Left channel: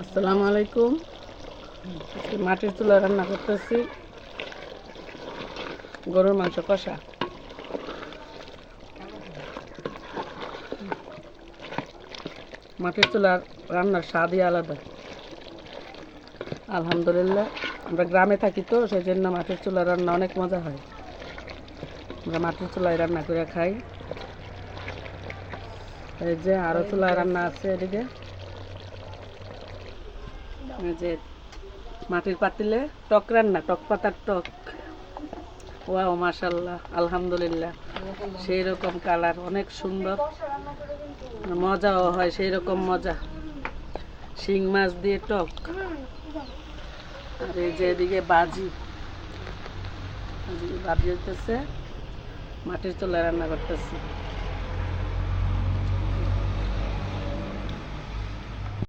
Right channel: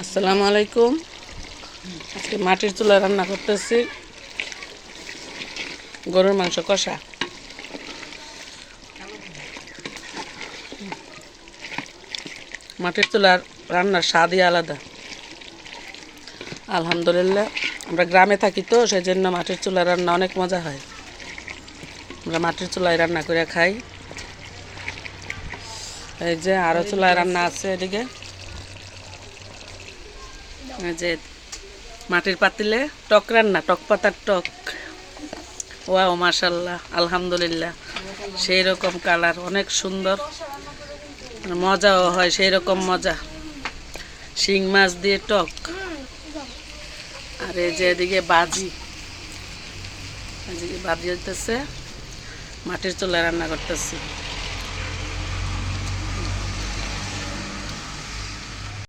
আসসালামু আলাইকুম। আজকে মাটির চুলায় রান্না করতেছি গরুর মাংস কষা। মাটির চুলার রান্নার স্বাদই আলাদা। আলহামদুলিল্লাহ, আমরা গ্রামে থাকি তো সেই জন্য মাটির চুলার রান্না অনেক মজা হয়। আমরা মাটির চুলায় রান্না করে খাই। এই যে আরও চুলায় রান্না আছে এদিকে। এই যে মাটির পাতিলে টক রান্না, টক পাতার টক। ওয়াও, মাশাল্লাহ, আলহামদুলিল্লাহ, সেই রকম কালার, অনেক সুন্দর, মজাও হয় সেই রকম মজা। শিং মাছ দিয়ে টক। আর এই যে এদিকে বাজি, এদিকে বাজি হইতেছে, মাটির চুলায় রান্না করতেছি।